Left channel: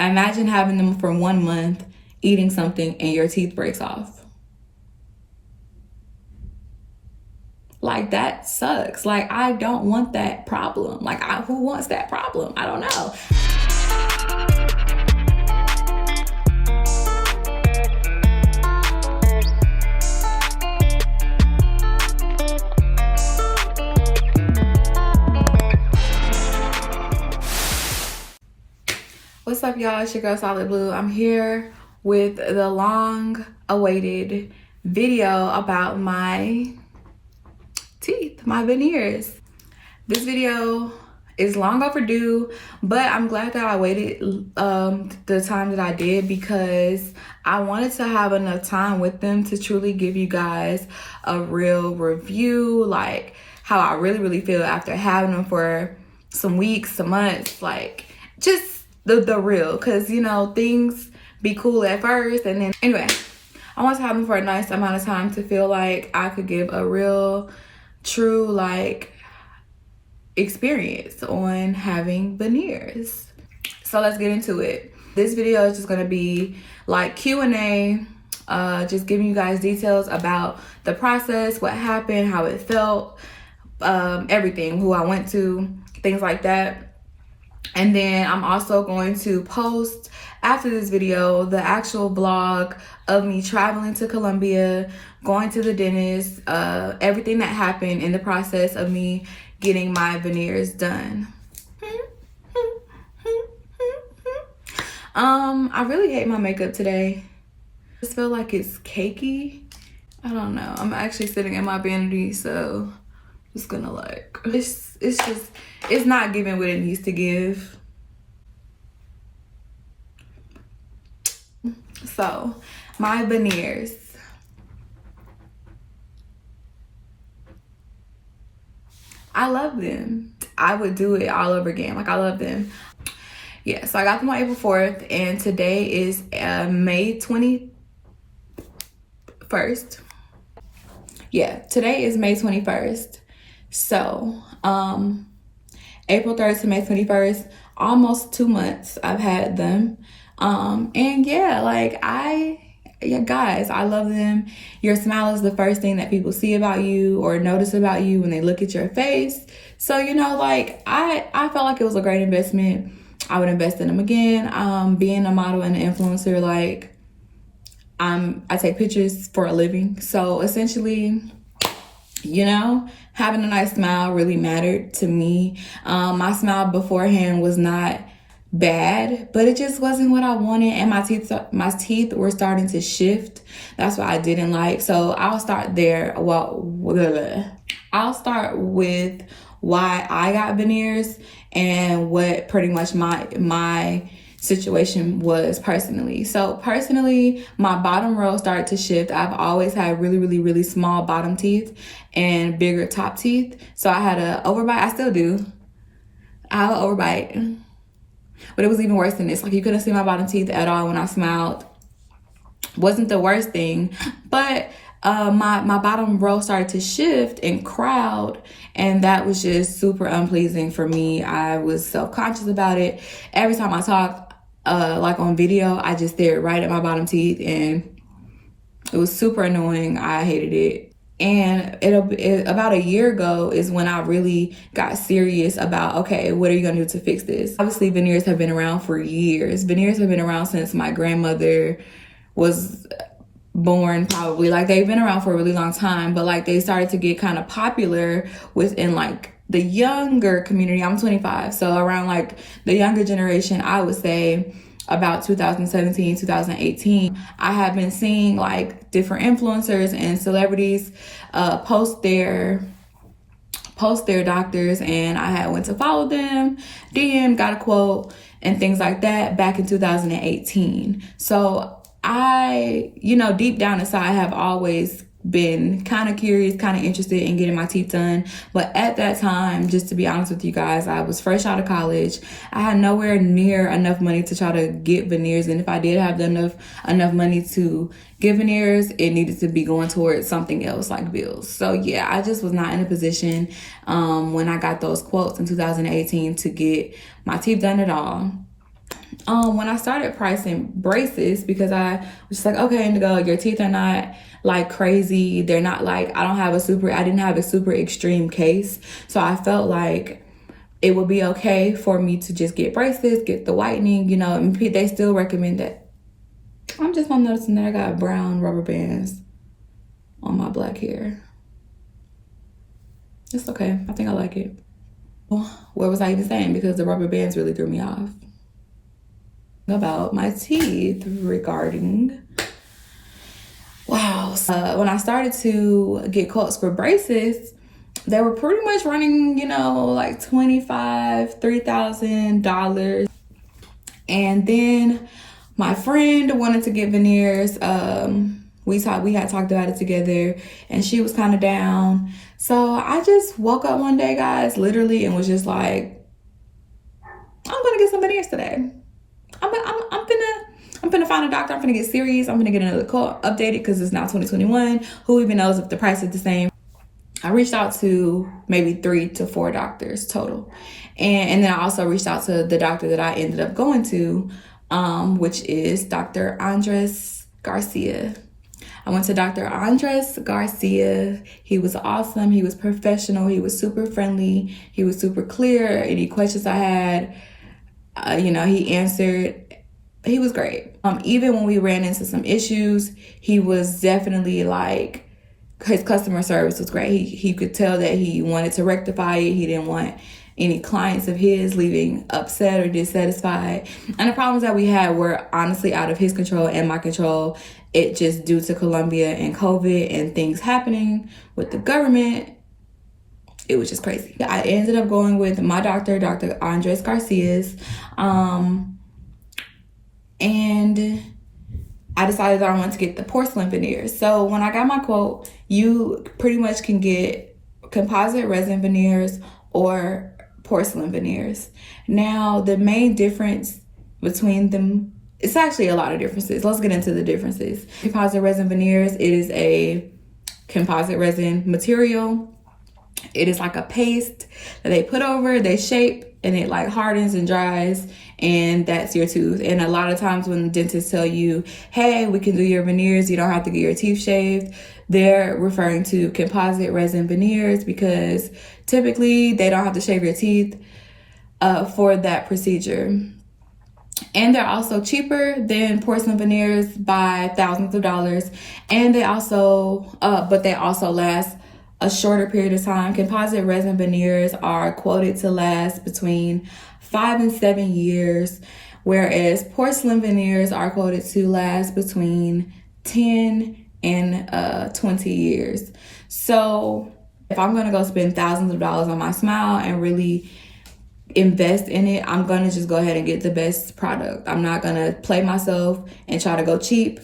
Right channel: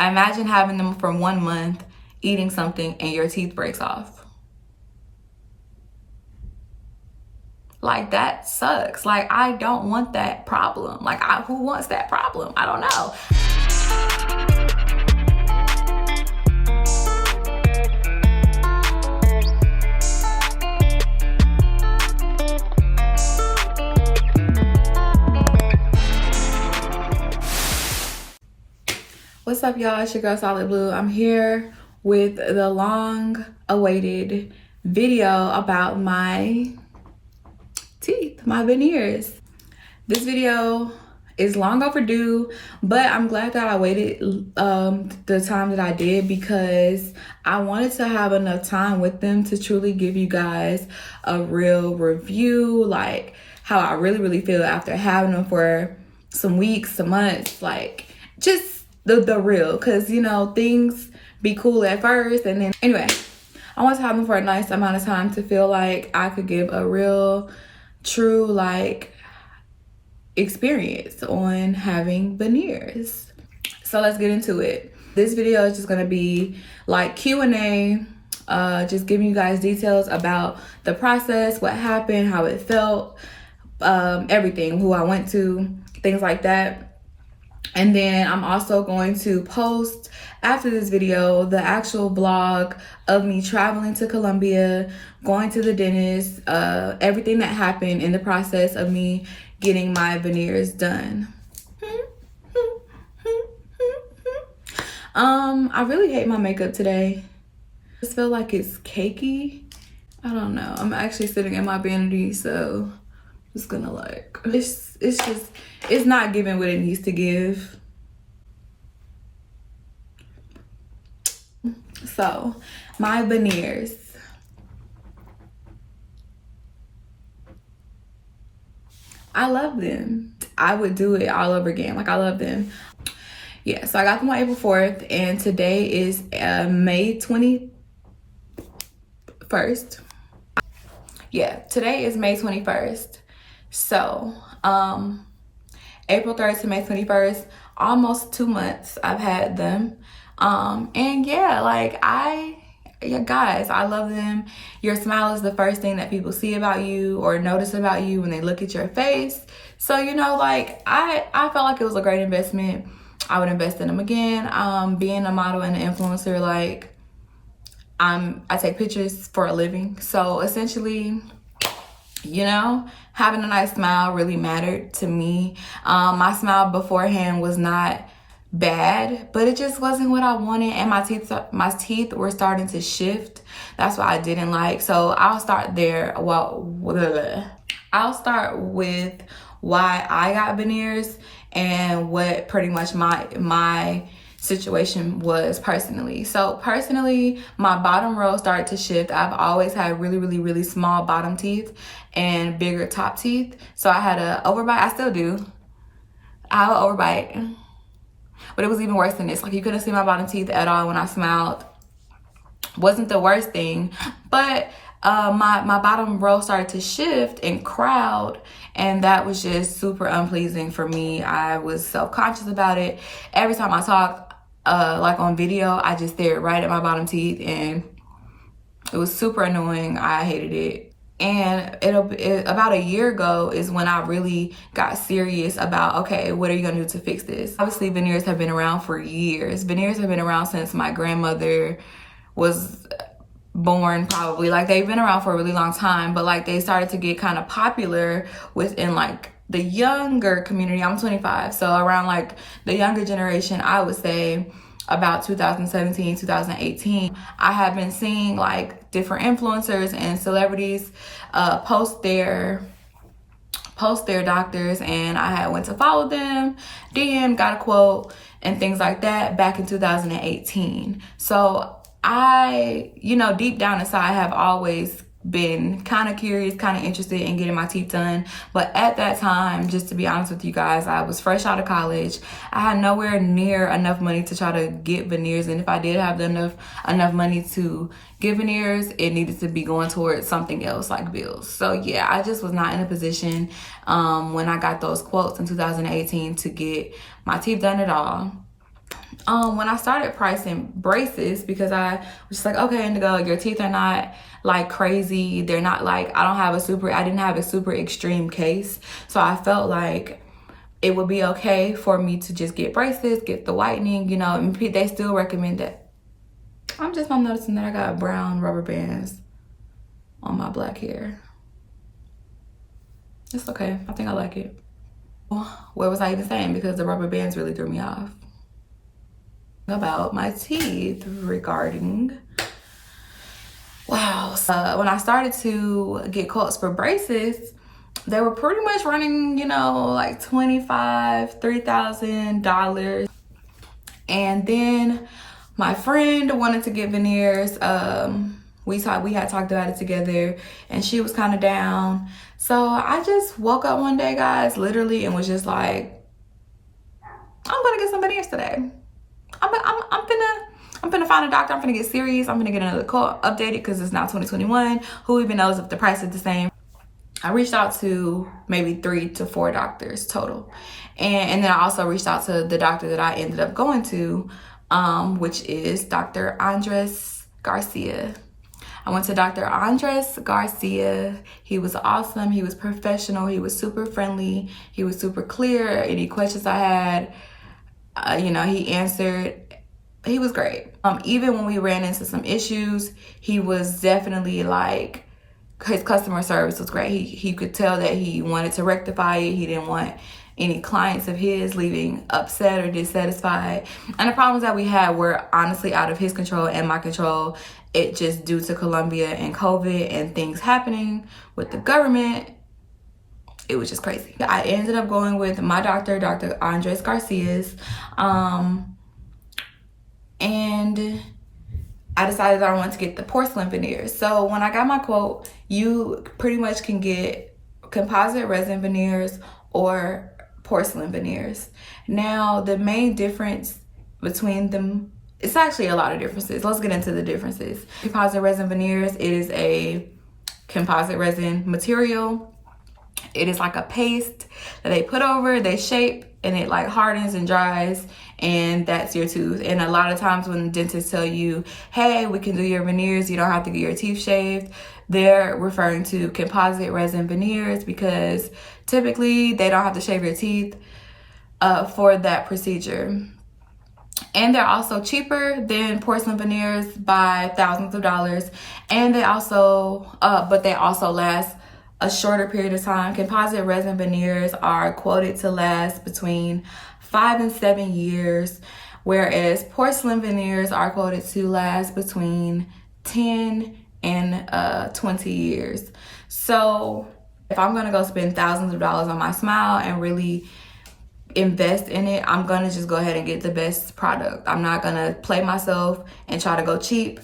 Imagine having them for 1 month, eating something, and your teeth breaks off. Like, that sucks. Like, I don't want that problem. Like, who wants that problem? I don't know. What's up, y'all? It's your girl Solid Blue. I'm here with the long awaited video about my teeth, my veneers. This video is long overdue, but I'm glad that I waited the time that I did, because I wanted to have enough time with them to truly give you guys a real review, like how I really feel after having them for some weeks, some months, like just the real, because you know, things be cool at first, and then anyway, I want to have them for a nice amount of time to feel like I could give a real, true, like, experience on having veneers. So let's get into it. This video is just gonna be like Q&A, just giving you guys details about the process, what happened, how it felt, everything, who I went to, things like that. And then I'm also going to post after this video the actual vlog of me traveling to Colombia, going to the dentist, everything that happened in the process of me getting my veneers done. I really hate my makeup today. I just feel like it's cakey. I don't know. I'm actually sitting in my vanity, so just gonna like, it's not giving what it needs to give. So my veneers, I love them. I would do it all over again. Like, I love them. Yeah, so I got them on April 4th, and today is May 21st. Yeah, today is May 21st. So, April 3rd to May 21st, almost 2 months I've had them. And yeah, like, guys, I love them. Your smile is the first thing that people see about you or notice about you when they look at your face. So, you know, like, I felt like it was a great investment. I would invest in them again. Being a model and an influencer, like, I take pictures for a living. So essentially, you know, having a nice smile really mattered to me. My smile beforehand was not bad, but it just wasn't what I wanted, and my teeth were starting to shift. That's what I didn't like. So I'll start there. I'll start with why I got veneers and what pretty much my situation was personally. So personally, my bottom row started to shift. I've always had really small bottom teeth and bigger top teeth. So I had an overbite. I still do. I have an overbite, but it was even worse than this. Like, you couldn't see my bottom teeth at all when I smiled. Wasn't the worst thing, but my bottom row started to shift and crowd, and that was just super unpleasing for me. I was self-conscious about it. Every time I talked, like on video, I just stared right at my bottom teeth, and it was super annoying. I hated it. And about a year ago is when I really got serious about, okay, what are you gonna do to fix this? Obviously, veneers have been around for years. Veneers have been around since my grandmother was born, probably. Like, they've been around for a really long time, but like, they started to get kind of popular within like the younger community. I'm 25, so around like the younger generation, I would say about 2017, 2018, I have been seeing like different influencers and celebrities post their doctors, and I had went to follow them, DM, got a quote, and things like that back in 2018. So I, you know, deep down inside, have always been kind of curious, kind of interested in getting my teeth done. But at that time, just to be honest with you guys, I was fresh out of college. I had nowhere near enough money to try to get veneers, and if I did have enough money to get veneers, it needed to be going towards something else, like bills. So yeah, I just was not in a position when I got those quotes in 2018 to get my teeth done at all. when I started pricing braces, because I was just like, okay, Indigo, your teeth are not like crazy. They're not like, I didn't have a super extreme case. So I felt like it would be okay for me to just get braces, get the whitening, you know, and they still recommend it. I'm just not noticing that I got brown rubber bands on my black hair. It's okay, I think I like it. What was I even saying? Because the rubber bands really threw me off. About my teeth regarding, wow. So, when I started to get quotes for braces, they were pretty much running, you know, like $2,500, $3,000. And then my friend wanted to get veneers. We had talked about it together, and she was kind of down. So I just woke up one day, guys, literally, and was just like, I'm gonna get some veneers today. I'm finna find a doctor. I'm finna get serious. I'm finna get another quote updated because it's now 2021. Who even knows if the price is the same? I reached out to maybe 3 to 4 doctors total. And then I also reached out to the doctor that I ended up going to, which is Dr. Andres Garcia. I went to Dr. Andres Garcia. He was awesome. He was professional. He was super friendly. He was super clear. Any questions I had, you know, he answered. He was great. Even when we ran into some issues, he was definitely like, his customer service was great. He could tell that he wanted to rectify it. He didn't want any clients of his leaving upset or dissatisfied. And the problems that we had were honestly out of his control and my control. It just due to Colombia and COVID and things happening with the government. It was just crazy. I ended up going with my doctor, Dr. Andres Garcia's. And I decided that I wanted to get the porcelain veneers. So when I got my quote, you pretty much can get composite resin veneers or porcelain veneers. Now, the main difference between them, it's actually a lot of differences. Let's get into the differences. Composite resin veneers, it is a composite resin material. It is like a paste that they put over, they shape, and it like hardens and dries, and that's your tooth. And a lot of times when dentists tell you, hey, we can do your veneers, you don't have to get your teeth shaved, they're referring to composite resin veneers because typically they don't have to shave your teeth for that procedure. And they're also cheaper than porcelain veneers by thousands of dollars. And they also, but they also last a shorter period of time. Composite resin veneers are quoted to last between 5 and 7 years, whereas porcelain veneers are quoted to last between 10 and 20 years. So if I'm gonna go spend thousands of dollars on my smile and really invest in it, I'm gonna just go ahead and get the best product. I'm not gonna play myself and try to go cheap.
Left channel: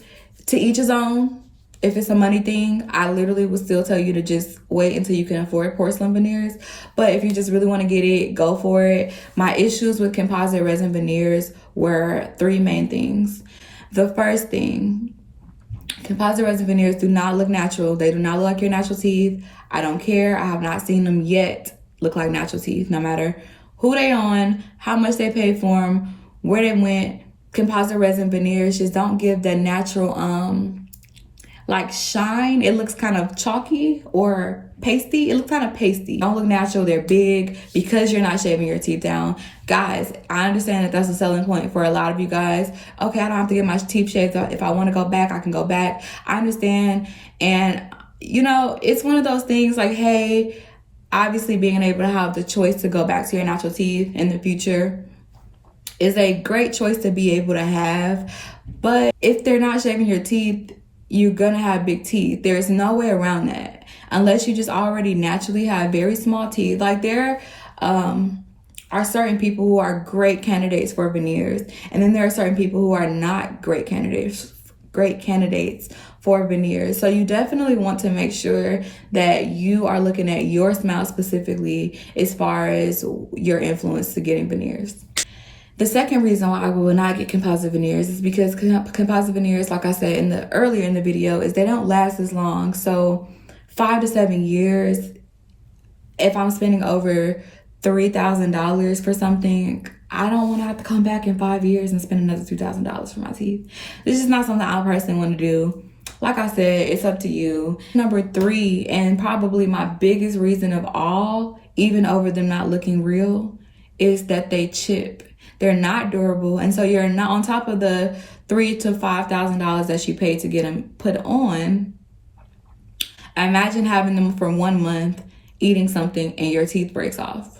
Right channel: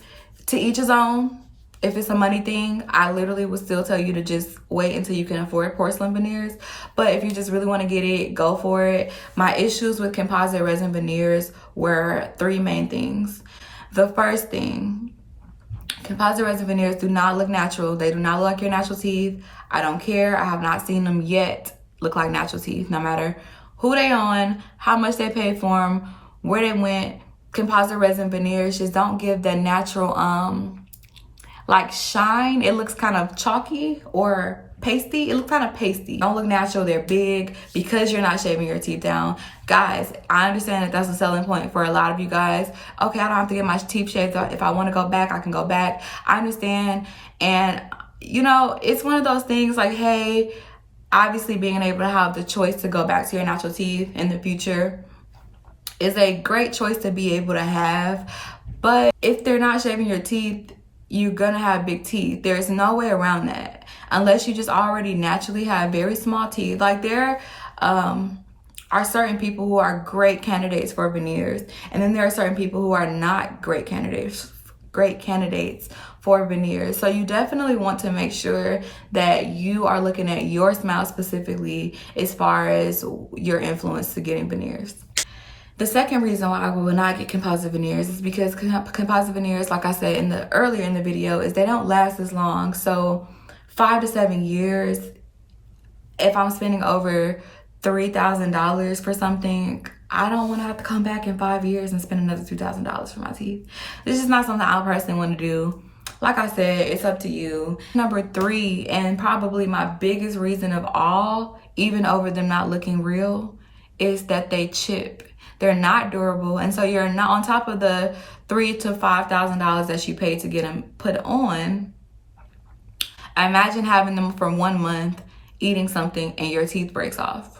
To each his own. If it's a money thing, I literally would still tell you to just wait until you can afford porcelain veneers. But if you just really want to get it, go for it. My issues with composite resin veneers were 3 main things. The first thing, composite resin veneers do not look natural. They do not look like your natural teeth. I don't care. I have not seen them yet look like natural teeth, no matter who they on, how much they paid for them, where they went. Composite resin veneers just don't give the natural like shine. It looks kind of chalky or pasty. It looks kind of pasty. Don't look natural. They're big because you're not shaving your teeth down. Guys, I understand that that's a selling point for a lot of you guys. Okay, I don't have to get my teeth shaved. If I want to go back, I can go back. I understand. And you know, it's one of those things like, hey, obviously being able to have the choice to go back to your natural teeth in the future is a great choice to be able to have. But if they're not shaving your teeth, you're gonna have big teeth. There's no way around that unless you just already naturally have very small teeth. Like there are certain people who are great candidates for veneers, and then there are certain people who are not great candidates for veneers. So you definitely want to make sure that you are looking at your smile specifically as far as your influence to getting veneers. The second reason why I will not get composite veneers is because composite veneers, like I said earlier in the video, is they don't last as long. So 5 to 7 years, if I'm spending over $3,000 for something, I don't want to have to come back in 5 years and spend another $2,000 for my teeth. This is not something I personally want to do. Like I said, it's up to you. Number 3, and probably my biggest reason of all, even over them not looking real, is that they chip. They're not durable, and so you're not on top of the $3,000 to $5,000 that you paid to get them put on. Imagine having them for 1 month, eating something, and your teeth breaks off.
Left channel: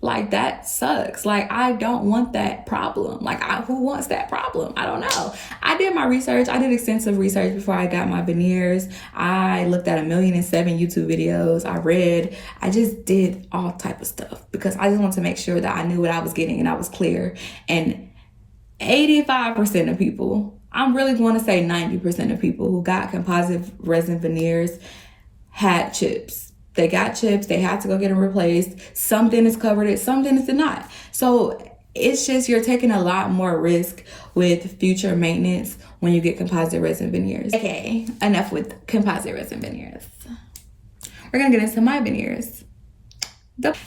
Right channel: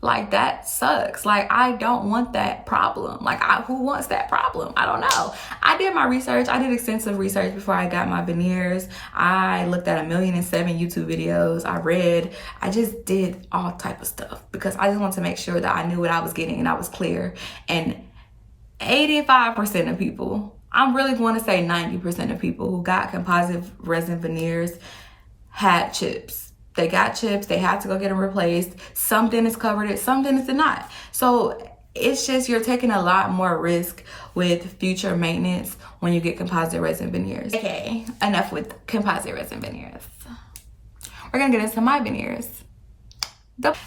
Like, that sucks. Like, I don't want that problem. Like, who wants that problem? I don't know. I did my research. I did extensive research before I got my veneers. I looked at 1,000,007 YouTube videos. I read. I just did all type of stuff because I just wanted to make sure that I knew what I was getting and I was clear. And 85% of people, I'm really going to say 90% of people who got composite resin veneers had chips. They got chips, they had to go get them replaced. Some dentists covered it, some dentists did not. So it's just, you're taking a lot more risk with future maintenance when you get composite resin veneers. Okay, enough with composite resin veneers. We're gonna get into my veneers.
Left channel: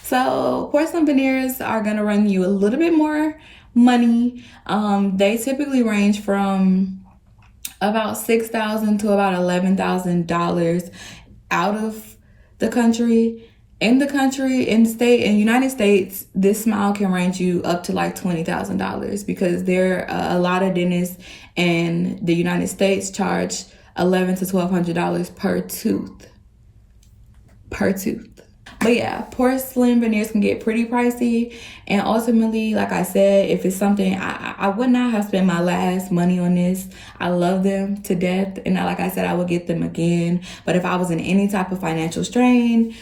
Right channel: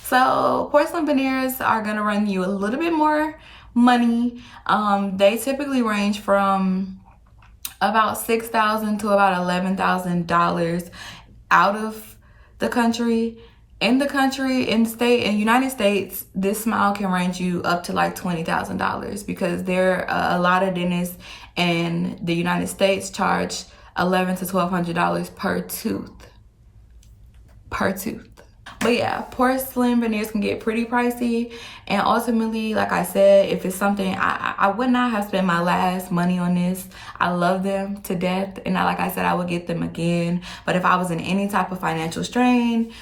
So porcelain veneers are gonna run you a little bit more money. They typically range from about $6,000 to about $11,000 out of the country. In the country, in the state, in the United States, this smile can range you up to like $20,000 because there are a lot of dentists in the United States charge $1,100 to $1,200 per tooth. But yeah, porcelain veneers can get pretty pricey, and ultimately, like I said, if it's something, I would not have spent my last money on this. I love them to death, and like I said, I would get them again. But if I was in any type of financial strain,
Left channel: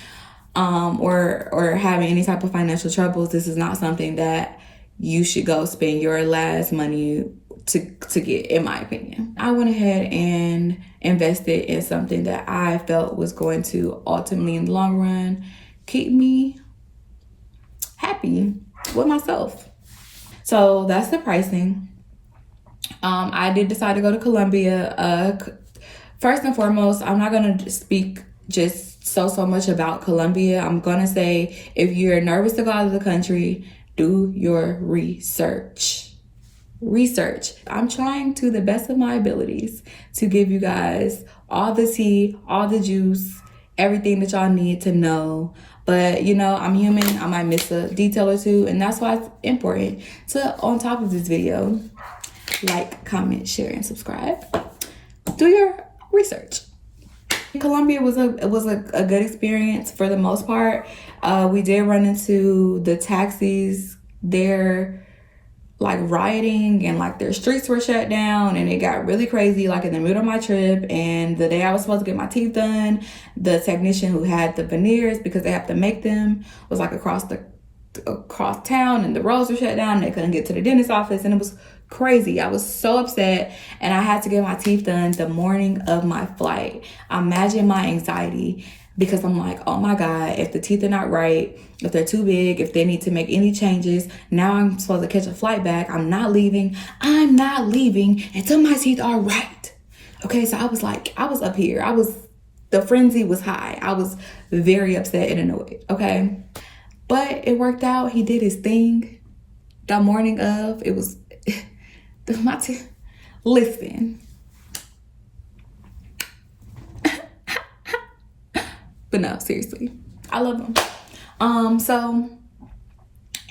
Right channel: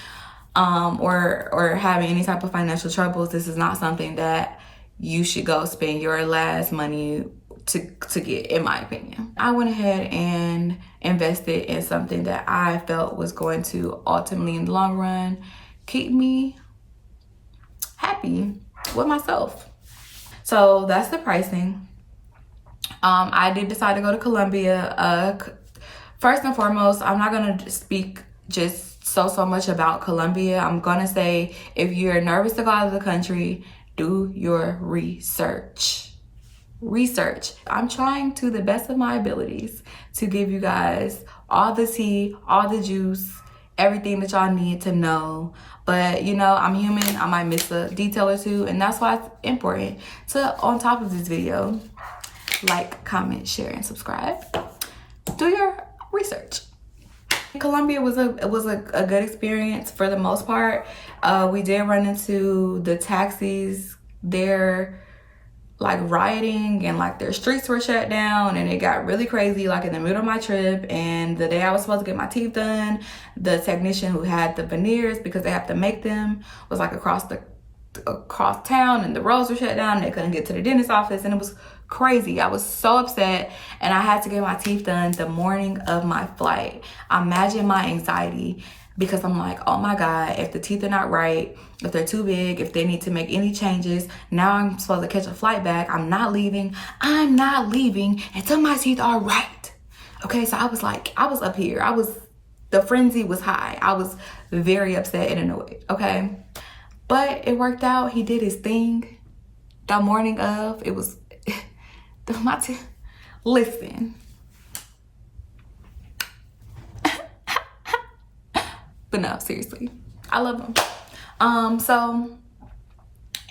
or having any type of financial troubles, this is not something that you should go spend your last money to get, in my opinion. I went ahead and invested in something that I felt was going to ultimately, in the long run, keep me happy with myself. So that's the pricing. I did decide to go to Colombia. First and foremost, I'm not gonna speak just so much about Colombia. I'm gonna say, if you're nervous to go out of the country, do your research. I'm trying to the best of my abilities to give you guys all the tea, all the juice, everything that y'all need to know. But you know, I'm human, I might miss a detail or two, and that's why it's important to, on top of this video, like, comment, share, and subscribe. Do your research. Colombia was a good experience for the most part. We did run into the taxis there, like rioting, and like their streets were shut down, and it got really crazy like in the middle of my trip. And the day I was supposed to get my teeth done, the technician who had the veneers, because they have to make them, was like across town, and the roads were shut down, and they couldn't get to the dentist's office, and it was crazy. I was so upset, and I had to get my teeth done the morning of my flight. Imagine my anxiety, because I'm like, oh my God, if the teeth are not right, if they're too big, if they need to make any changes, now I'm supposed to catch a flight back. I'm not leaving until my teeth are right. Okay, so I was like, I was up here. The frenzy was high. I was very upset and annoyed, okay? But it worked out. He did his thing. The morning of, it was, listen. But no, seriously, I love them. So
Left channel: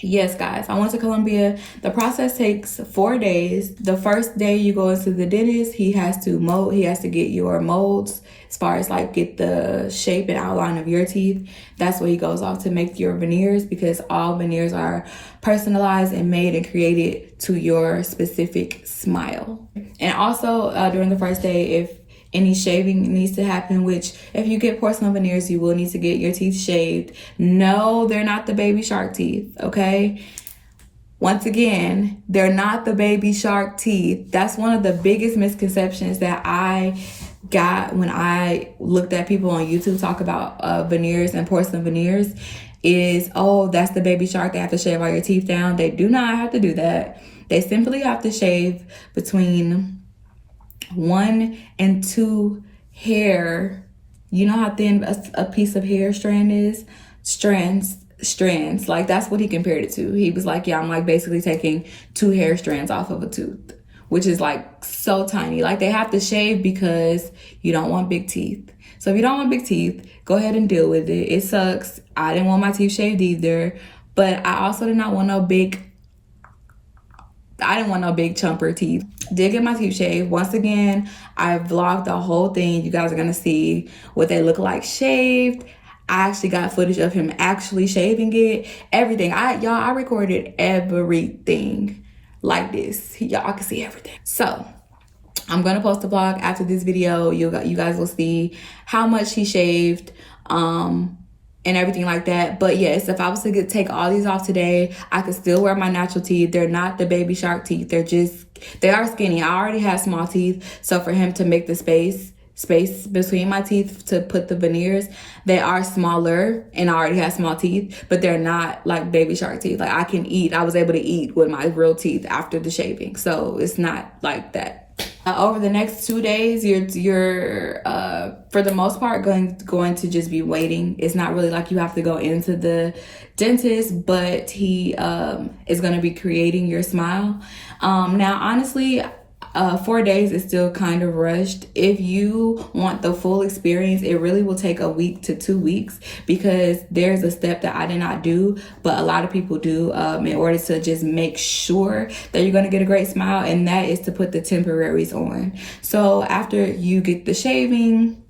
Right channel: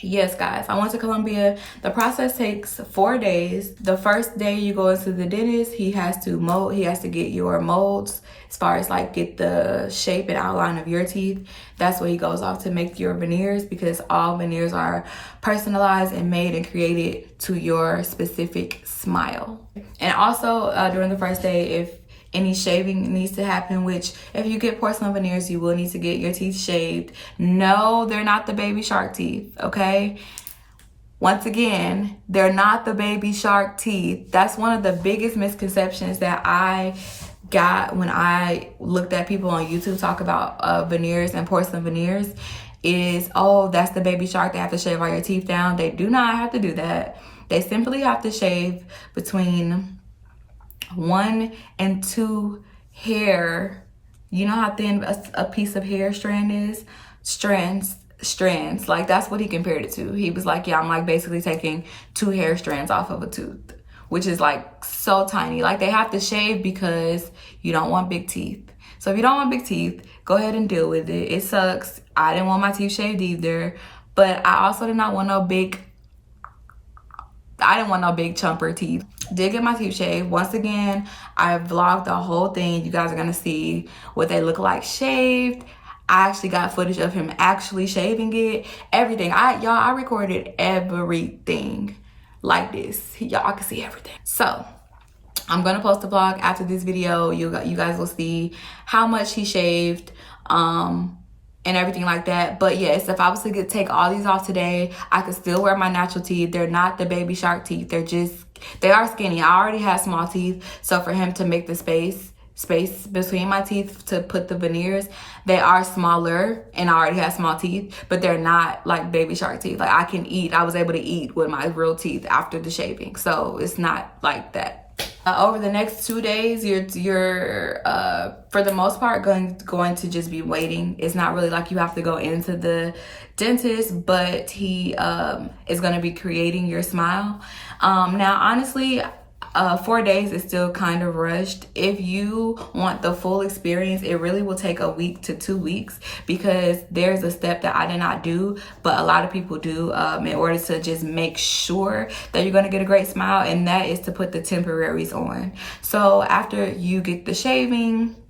yes, guys, I went to Colombia. The process takes 4 days. The first day you go into the dentist, he has to get your molds, as far as like get the shape and outline of your teeth. That's what he goes off to make your veneers, because all veneers are personalized and made and created to your specific smile. And also during the first day, if any shaving needs to happen, which if you get porcelain veneers, you will need to get your teeth shaved. No, they're not the baby shark teeth, okay? Once again, they're not the baby shark teeth. That's one of the biggest misconceptions that I got when I looked at people on YouTube talk about veneers and porcelain veneers, is, oh, that's the baby shark. They have to shave all your teeth down. They do not have to do that. They simply have to shave between 1 and 2 hair. You know how thin a piece of hair strands strands. Like, that's what he compared it to. He was like, yeah, I'm like basically taking 2 hair strands off of a tooth, which is like so tiny. Like, they have to shave because you don't want big teeth. So if you don't want big teeth, go ahead and deal with it. It sucks. I didn't want my teeth shaved either, but I also did not want no big chumper teeth. Did get my teeth shaved. Once again, I vlogged the whole thing. You guys are gonna see what they look like shaved. I actually got footage of him actually shaving it. Everything. I recorded everything like this. Y'all can see everything. So I'm gonna post a vlog after this video. You guys will see how much he shaved, and everything like that. But yes, if I was to take all these off today, I could still wear my natural teeth. They're not the baby shark teeth. They are skinny. I already have small teeth. So for him to make the space between my teeth to put the veneers, they are smaller, and I already have small teeth, but they're not like baby shark teeth. Like, I can eat. I was able to eat with my real teeth after the shaving. So it's not like that. Over the next 2 days, you're for the most part going to just be waiting. It's not really like you have to go into the dentist, but he is going to be creating your smile. Now, honestly, 4 days is still kind of rushed. If you want the full experience, it really will take a week to 2 weeks, because there's a step that I did not do, but a lot of people do, in order to just make sure that you're going to get a great smile, and that is to put the temporaries on. So after you get the shaving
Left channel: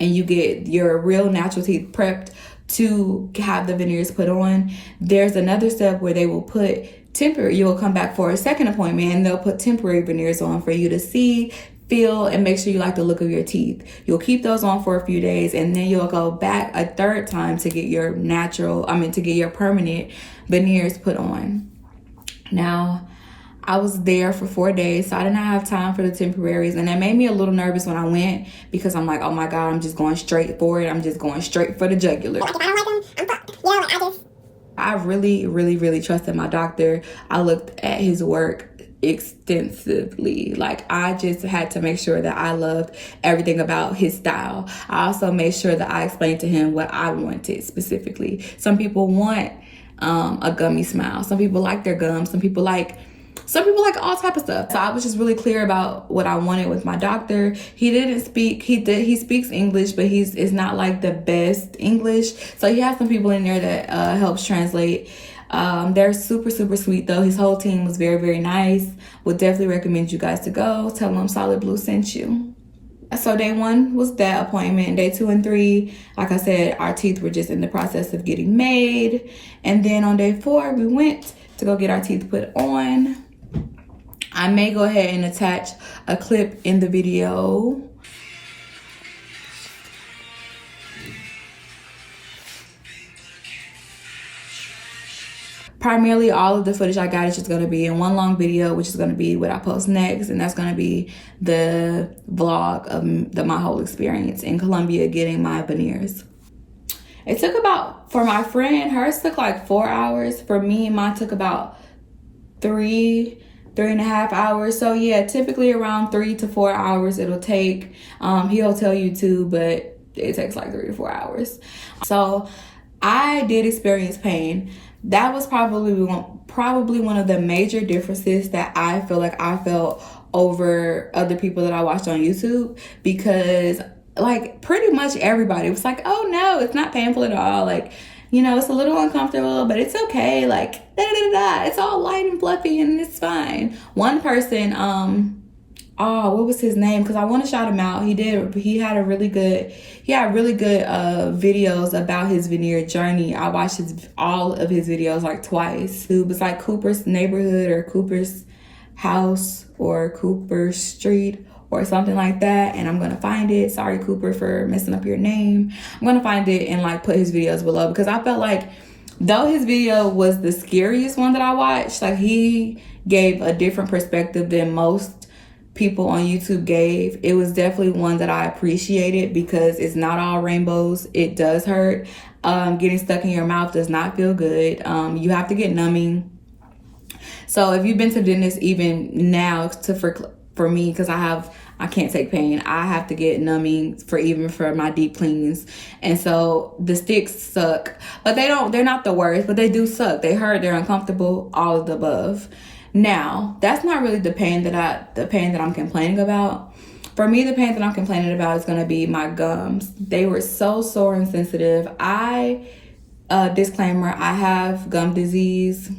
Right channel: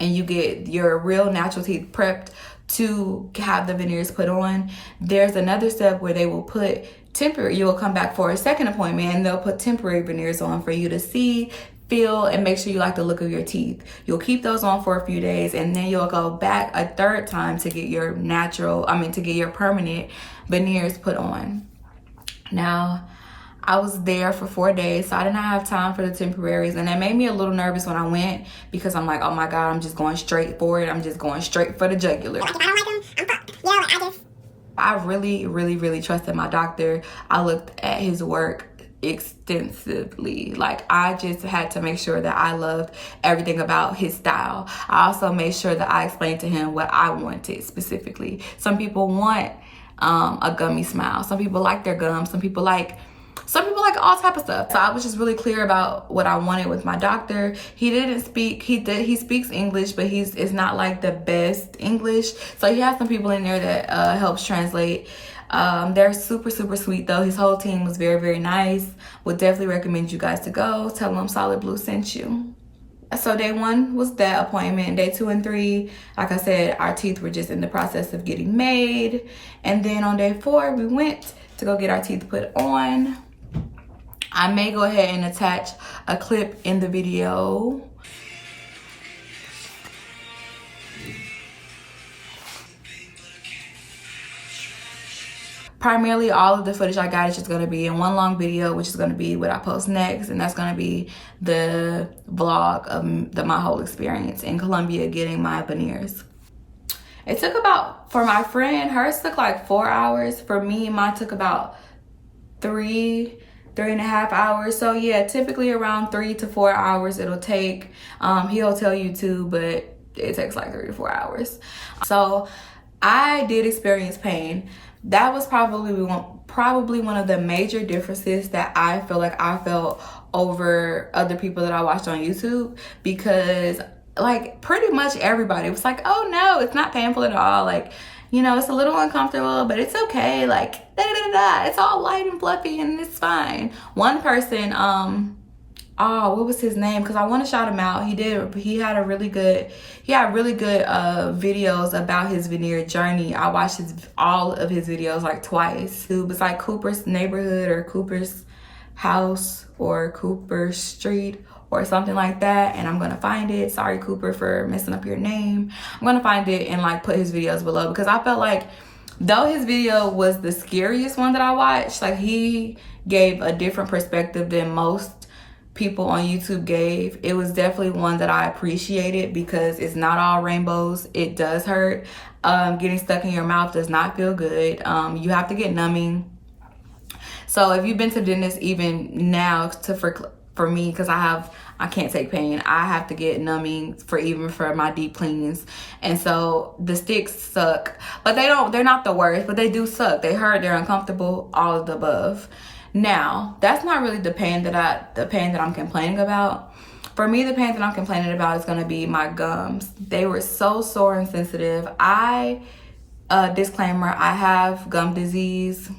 and you get your real natural teeth prepped to have the veneers put on, there's another step where they will put temporary. You will come back for a second appointment, and they'll put temporary veneers on for you to see, feel, and make sure you like the look of your teeth. You'll keep those on for a few days, and then you'll go back a third time to get your permanent veneers put on. Now, I was there for 4 days, so I did not have time for the temporaries, and it made me a little nervous when I went, because I'm like, oh my God, I'm just going straight for it. I'm just going straight for the jugular. Like, if I don't like them, I'm fucked. You know, I really, really, really trusted my doctor. I looked at his work extensively. Like, I just had to make sure that I loved everything about his style. I also made sure that I explained to him what I wanted specifically. Some people want a gummy smile. Some people like their gums. Some people like all type of stuff. So I was just really clear about what I wanted with my doctor. He didn't speak, he speaks English, but it's not like the best English. So he has some people in there that helps translate. They're super, super sweet though. His whole team was very, very nice. Would definitely recommend you guys to go. Tell them Solid Blue sent you. So day 1 was that appointment. Day 2 and 3, like I said, our teeth were just in the process of getting made. And then on day 4, we went to go get our teeth put on. I may go ahead and attach a clip in the video. Primarily, all of the footage I got is just going to be in one long video, which is going to be what I post next. And that's going to be the vlog of my whole experience in Colombia getting my veneers. It took for my friend, hers took like 4 hours. For me, mine took about 3.5 hours. So yeah, typically around 3 to 4 hours it'll take. He'll tell you too, but it takes like 3 to 4 hours. So I did experience pain. That was probably one of the major differences that I feel like I felt over other people that I watched on YouTube, because like pretty much everybody was like, oh no, it's not painful at all. Like, you know, it's a little uncomfortable, but it's okay. Like, it's all light and fluffy and it's fine. One person, what was his name? Because I want to shout him out. He had really good videos about his veneer journey. I watched all of his videos like twice. It was like Cooper's Neighborhood or Cooper's House or Cooper Street or something like that, and I'm gonna find it. Sorry, Cooper, for messing up your name. I'm gonna find it and like put his videos below, because I felt like though his video was the scariest one that I watched, like he gave a different perspective than most people on YouTube gave. It was definitely one that I appreciated, because it's not all rainbows. It does hurt. Getting stuck in your mouth does not feel good. You have to get numbing. So if you've been to dentist even now, for me, because I I can't take pain. I have to get numbing for my deep cleans. And so the sticks suck, but they're not the worst, but they do suck. They hurt, they're uncomfortable, all of the above. Now, that's not really the pain that I'm complaining about. For me, the pain that I'm complaining about is going to be my gums. They were so sore and sensitive. Disclaimer, I have gum disease.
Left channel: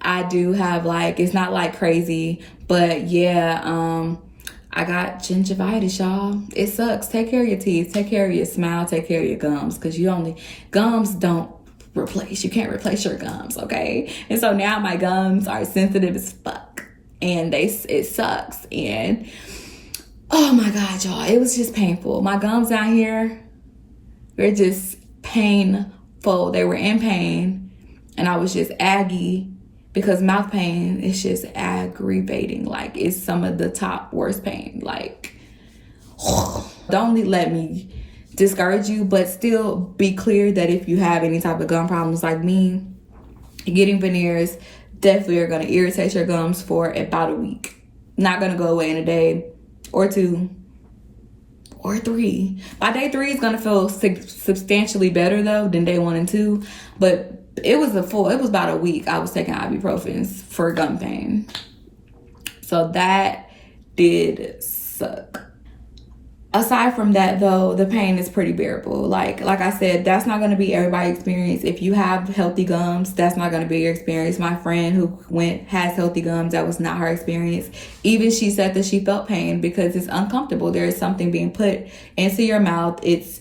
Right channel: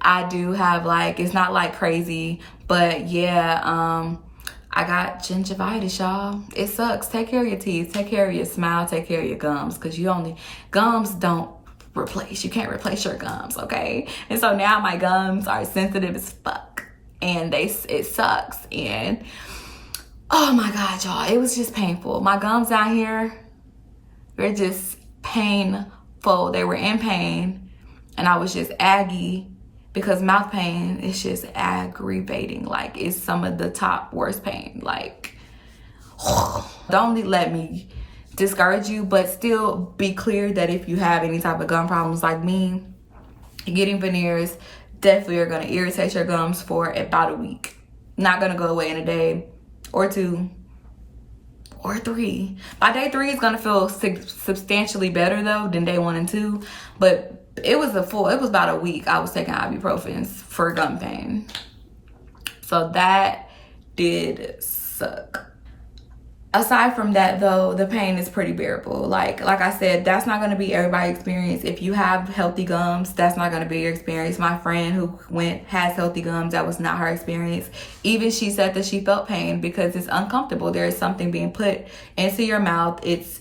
I do have, like, it's not like crazy, but yeah, I got gingivitis, y'all. It sucks. Take care of your teeth, take care of your smile, take care of your gums, because gums don't replace. You can't replace your gums, okay? And so now my gums are sensitive as fuck, and it sucks. And oh my God, y'all, it was just painful. My gums down here, they're just painful. They were in pain, and I was just aggy because mouth pain is just aggravating. Like, it's some of the top worst pain. Like, don't let me discourage you, but still be clear that if you have any type of gum problems like me, getting veneers definitely are gonna irritate your gums for about a week. Not gonna go away in a day or two or three. By day 3, it's gonna feel substantially better though than day 1 and 2. But it was about a week I was taking ibuprofens for gum pain. So that did suck. Aside from that though, the pain is pretty bearable. Like I said, that's not gonna be everybody's experience. If you have healthy gums, that's not gonna be your experience. My friend who has healthy gums, that was not her experience. Even she said that she felt pain because it's uncomfortable. There is something being put into your mouth. It's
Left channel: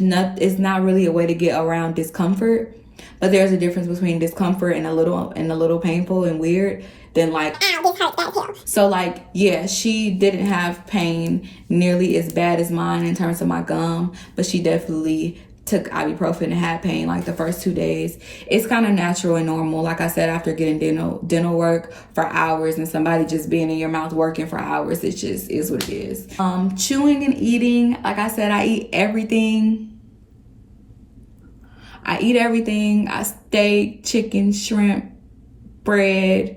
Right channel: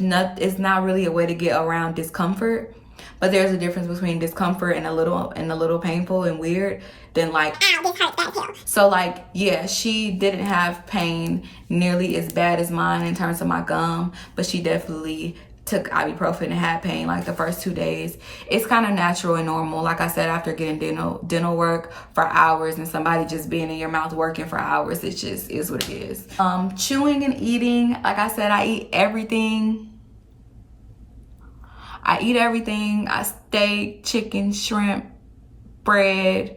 not really a way to get around discomfort. But there's a difference between discomfort and a little painful and weird than like, ow, this hurts bad too. So like, yeah, she didn't have pain nearly as bad as mine in terms of my gum, but she definitely took ibuprofen and had pain like the first 2 days. It's kind of natural and normal. Like I said, after getting dental work for hours and somebody just being in your mouth working for hours, it just is what it is. Chewing and eating, like I said, I eat everything. I steak, chicken, shrimp, bread,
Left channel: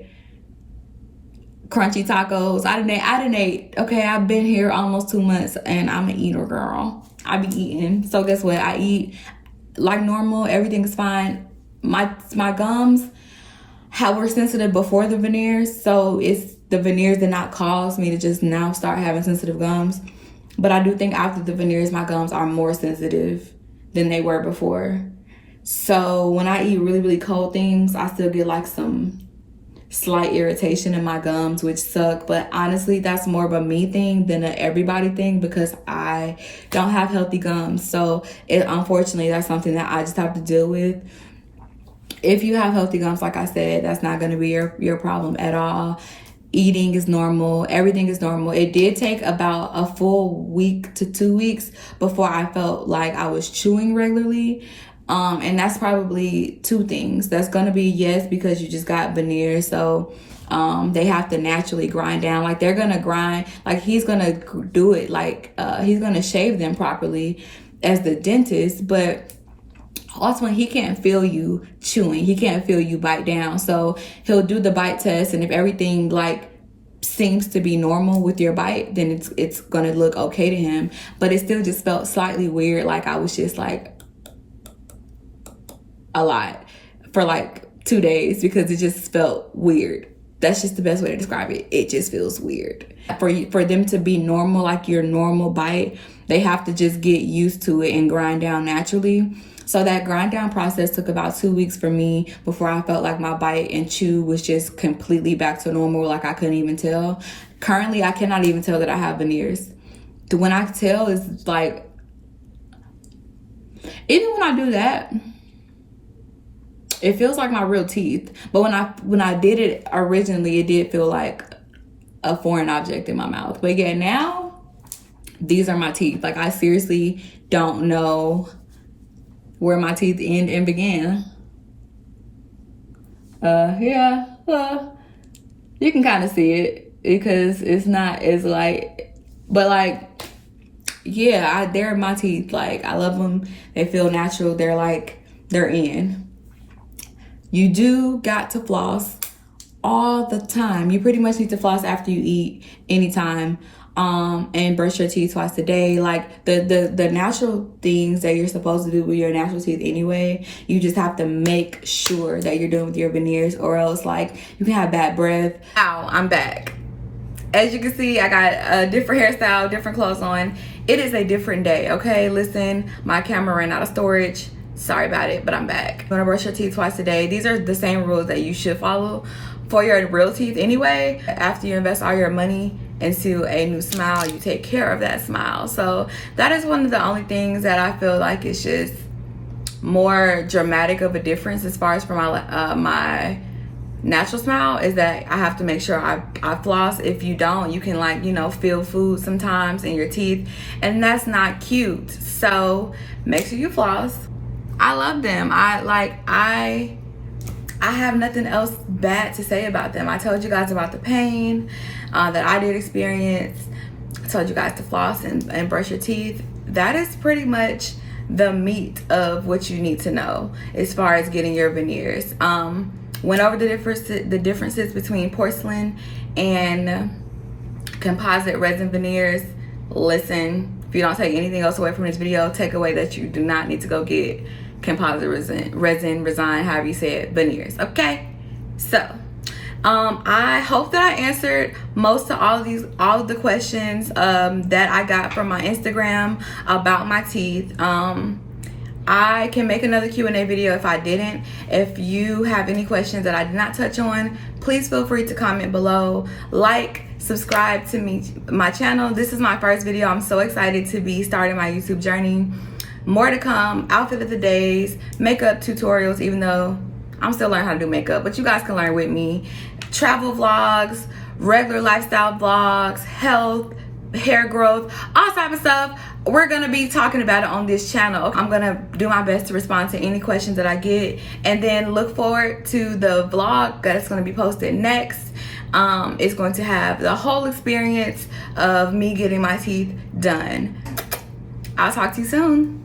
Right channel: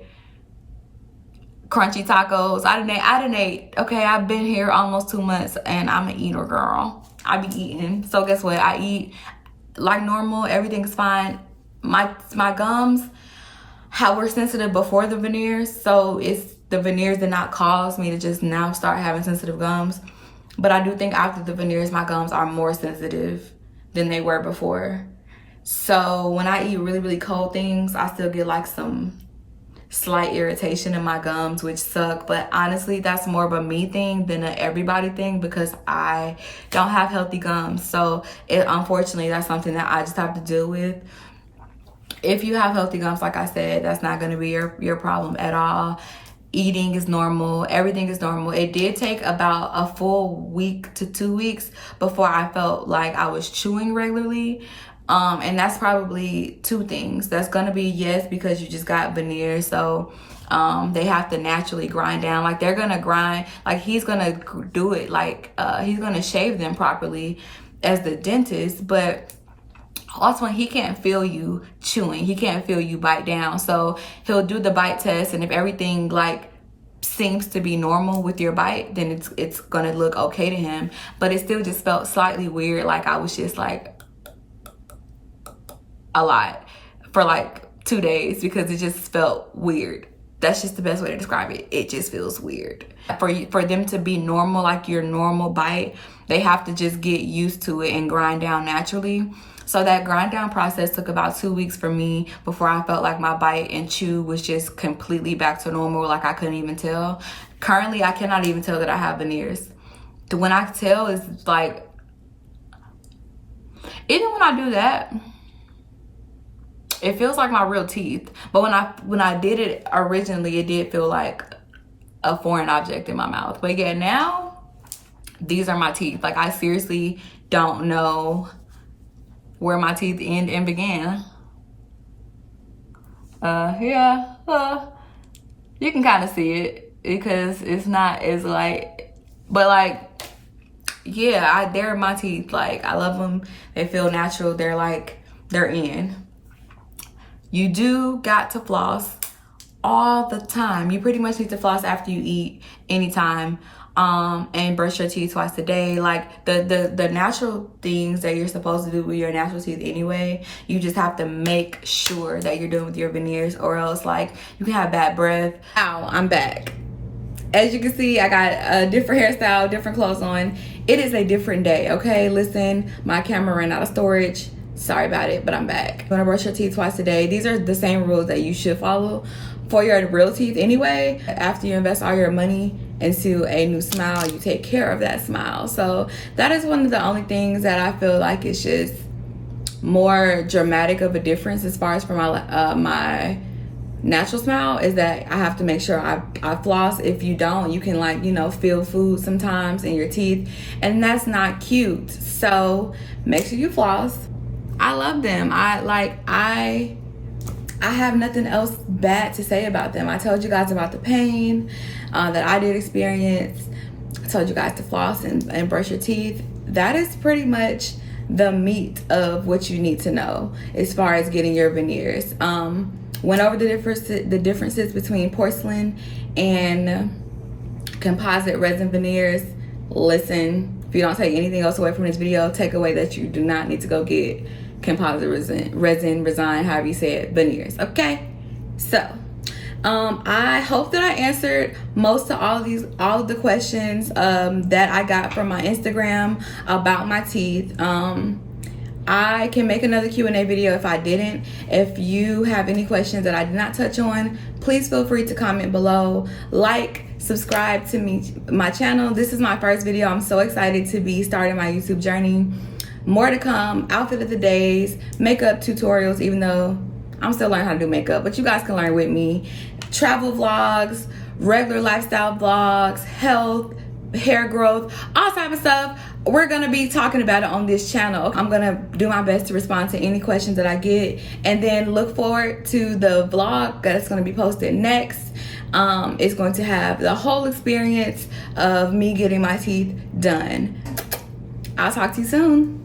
crunchy tacos. I didn't ate. Okay, I've been here almost 2 months and I'm an eater, girl. I be eating. So guess what? I eat like normal. Everything is fine. My gums were sensitive before the veneers. So it's the veneers did not cause me to just now start having sensitive gums. But I do think after the veneers, my gums are more sensitive than they were before. So when I eat really, really cold things, I still get like some slight irritation in my gums, which suck. But honestly, that's more of a me thing than an everybody thing because I don't have healthy gums. So unfortunately, that's something that I just have to deal with. If you have healthy gums, like I said, that's not going to be your problem at all. Eating is normal. Everything is normal. It did take about a full week to 2 weeks before I felt like I was chewing regularly. And that's probably 2 things. That's gonna be, yes, because you just got veneers, so they have to naturally grind down. Like they're gonna grind, like he's gonna do it, like he's gonna shave them properly as the dentist, but also he can't feel you chewing. He can't feel you bite down. So he'll do the bite test, and if everything like seems to be normal with your bite, then it's gonna look okay to him. But it still just felt slightly weird, like I was just like a lot for like 2 days because it just felt weird. That's just the best way to describe it. It just feels weird. For them to be normal, like your normal bite, they have to just get used to it and grind down naturally. So that grind down process took about 2 weeks for me before I felt like my bite and chew was just completely back to normal. Like I couldn't even tell. Currently, I cannot even tell that I have veneers. When I tell is like, even when I do that, it feels like my real teeth. But when I did it originally, it did feel like a foreign object in my mouth. But yeah, now these are my teeth. Like I seriously don't know where my teeth end and begin. Yeah, you can kind of see it because it's not as like, but like, yeah, they're my teeth. Like I love them. They feel natural. They're in. You do got to floss all the time. You pretty much need to floss after you eat anytime. And brush your teeth twice a day. Like the natural things that you're supposed to do with your natural teeth anyway, you just have to make sure that you're doing with your veneers, or else like you can have bad breath. Ow, I'm back. As you can see, I got a different hairstyle, different clothes on. It is a different day, okay? Listen, my camera ran out of storage. Sorry about it, but I'm back. You wanna brush your teeth twice a day. These are the same rules that you should follow for your real teeth anyway. After you invest all your money into a new smile, you take care of that smile. So that is one of the only things that I feel like is just more dramatic of a difference as far as for my my natural smile, is that I have to make sure I floss. If you don't, you can, like, you know, feel food sometimes in your teeth, and that's not cute. So make sure you floss. I love them. I have nothing else bad to say about them. I told you guys about the pain that I did experience. I told you guys to floss and brush your teeth. That is pretty much the meat of what you need to know as far as getting your veneers. Went over the differences between porcelain and composite resin veneers. Listen, if you don't take anything else away from this video, take away that you do not need to go get composite resin, however you say it, veneers, okay? So I hope that I answered most of all of the questions that I got from my Instagram about my teeth. I can make another Q&A video if I didn't. If you have any questions that I did not touch on, please feel free to comment below. Like, subscribe to my channel. This is my first video. I'm so excited to be starting my YouTube journey. More to come. Outfit of the days, makeup tutorials, even though I'm still learning how to do makeup, but you guys can learn with me. Travel vlogs, regular lifestyle vlogs, health, hair growth, all type of stuff. We're gonna be talking about it on this channel. I'm gonna do my best to respond to any questions that I get, and then look forward to the vlog that's gonna be posted next. It's going to have the whole experience of me getting my teeth done. I'll talk to you soon.